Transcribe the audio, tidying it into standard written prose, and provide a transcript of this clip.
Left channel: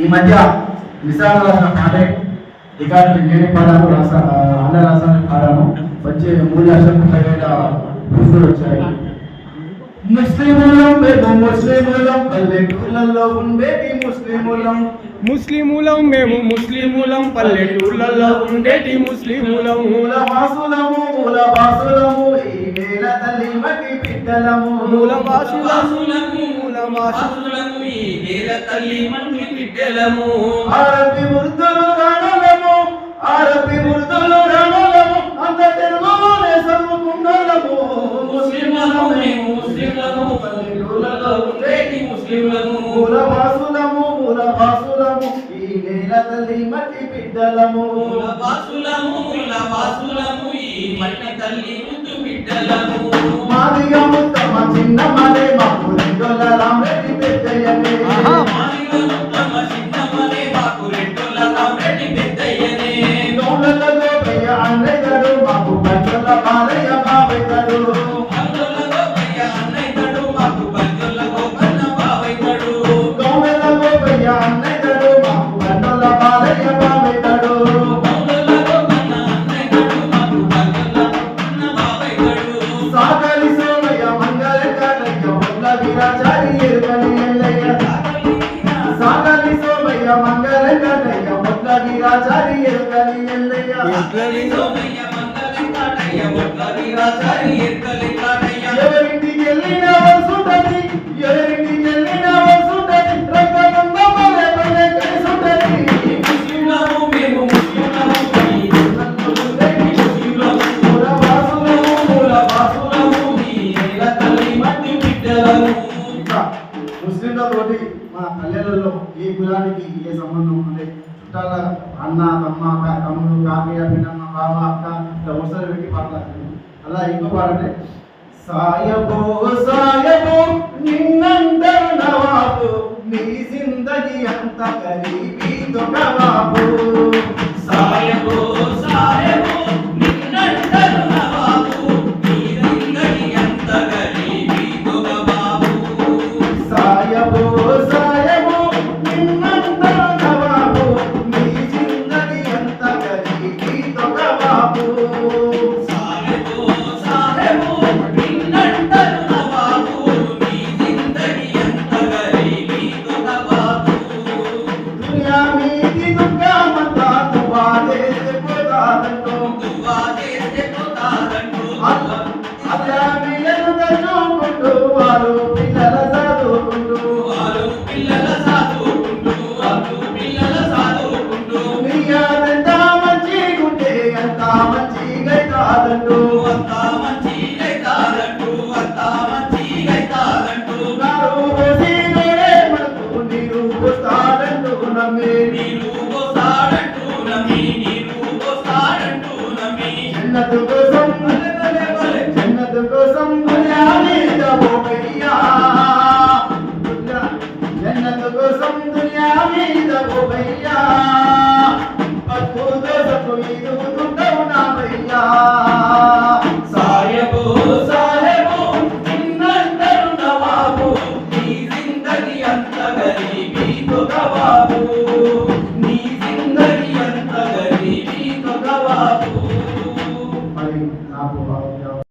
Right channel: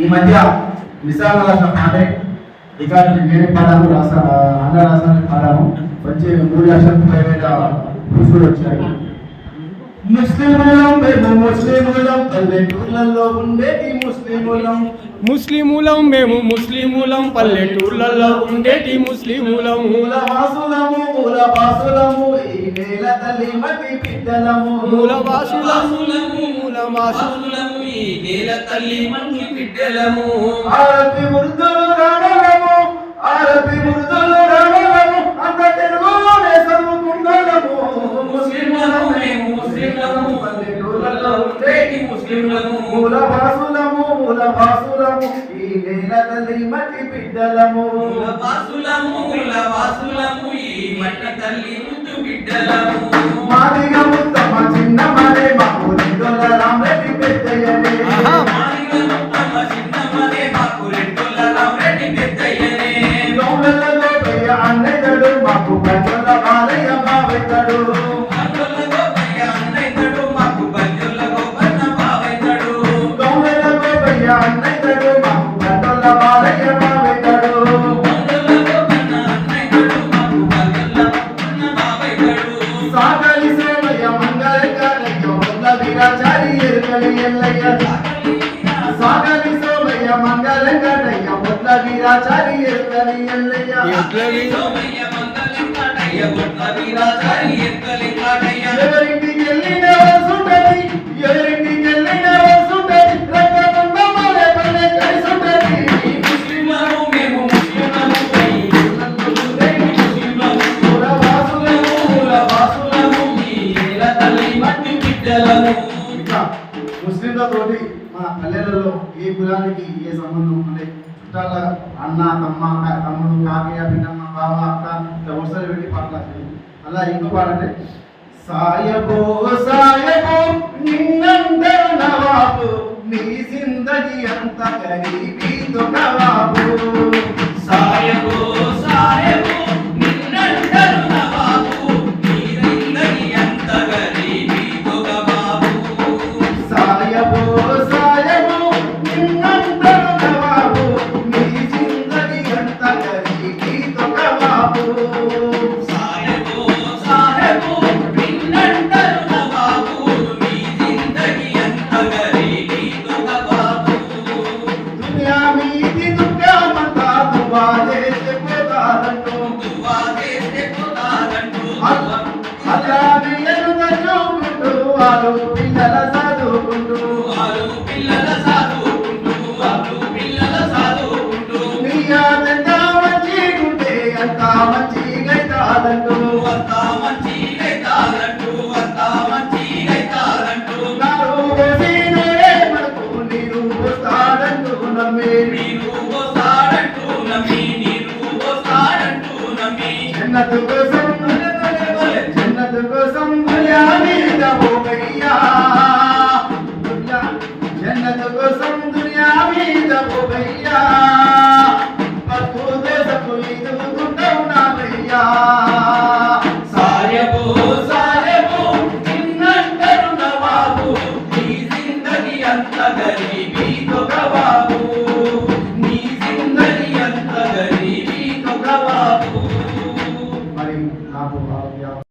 ఈ మధ్య విశాఖ రాష్ట్ర పాడే రికార్డు నేనే పాడాను, ఆంధ్ర రాష్ట్రానికి పాడాను. వచ్చే 3,30,000 పూసులు వచ్చాయి. ముస్లిములం మేము ముస్లిములం, పల్లెటూళ్ళల్లో ఉండేటి ముస్లిములం. ముస్లిములం మేము ముస్లిములం, పల్లెటూళ్ళల్లో ఉండేటి ముస్లిములం. మూలవాసులము మూలవాసులము, ఈ నేల తల్లి మట్టి బిడ్డలము. మూలవాసులము మూలవాసులము, ఈ నేల తల్లి మట్టి బిడ్డలము. ఆరబి ఉర్దూలు రాణలము, ఆరబి ఉర్దూలు రాణలము, అంత తెలుగులోనే చదువుకుంటాము. ముస్లిములం మేము ముస్లిములము, పల్లెటూళ్ళల్లో ఉండేటి ముస్లిములము. మూలవాసులము మూలవాసులము, ఈ నేల తల్లి మట్టి బిడ్డలము. మూలవాసులము మూలవాసులము, ఈ మట్టి తల్లి ముద్దు బిడ్డలము. మాదిగా ముత్తమ చిన్న మరే మాకు రెండోల రామరెడ్డి పెద్దయ్యనే. మాదిగా ముత్తమ చిన్న మరే మాకు రెండోల రామరెడ్డి పెద్దయ్యనే. గౌడలలో గోపయ్య అన్నయ్యడు, మాకు పంచోల బాలయ్య బావయ్యడు. గౌడలలో గోపయ్య అన్నయ్యడు, మాకు పంచోల గోపన్న బావయ్యడు. గౌడలలో గోపయ్య అన్నయ్యడు, మాకు పంచోల బాలయ్య బావయ్యడు. గౌడలలో గోపన్న అన్నయ్యడు, మాకు పంచోల గోపన్న బావయ్యడు. సాగలి సోమయ్య మంగళకారయ్య మొల్ల వీరాచారి ఎరుకలి ఎల్లయ్య. సాగలి సోమయ్య మంగళకారయ్య మొల్ల వీరాచారి ఎరుకలి ఎల్లయ్య. సోమయ్య మంగళకారయ్య మొల్ల వీరాచారి ఎరుకలి కాడయ్య. ఎవరింటికి వెళ్ళినా వసుంటది, ఎవరింటికి వెళ్ళినా వసుంటది, రక్తమున్న మరే పల్లె కలిసుంటది. ముస్లింలము మేము ముస్లింలము, మూలవాసులము మూలవాసులము, ఈ నేల తల్లి మట్టి బిడ్డలము. ఇంకా ముస్లింలతోటి మన పల్లెలలో ఏ కులానికి ఏ సంబంధం అంటే చుట్టాల అన్న తమ్ముడు కాకయ్య పిన్నమ్మ బావ అక్క ఇట్లా వరుసలు పెట్టి పాటలు. అలా ఇంకో పాడంటే సాయబో సాయబో నిన్నందరు నవాబు, నీ జిందగీ అంత గరీబీ తొగవాబు. సాయబో సాయబో నిన్నంటరు నవాబు, నీ జిందగీ అంత గరీబీ తొగవాబు. సాయబో సాయబో నిన్నందరు నవాబు, నీ జిందగీ అంత గరీబీ తొగవాబు. సాయబో సాయబో నిన్నంటరు నవాబు, నీ జిందగీ అంత గరీబీ తొగవాబు. దునియా మీది దుఃఖమంతా దువా చేస్తే పోతాదంటూ. దువా చేస్తే పోతాదంటూ. అల్లాని ఎదుట చూపుకుంటూ వారు పిల్లల చదువుకుంటూ. వారు పిల్లల సాదుకుంటూ, వారు పిల్లల సాదుకుంటూ. నీ ఆదంతా మంచిగుంటే అంతా మంచిగైతాదంటూ. అంతా మంచిగైతాదంటూ, అంతా మంచిగైతాదంటూ. నారు పోసి నోరే మనకు నీరు పోస్తాడంటూ నమ్మే. నీరు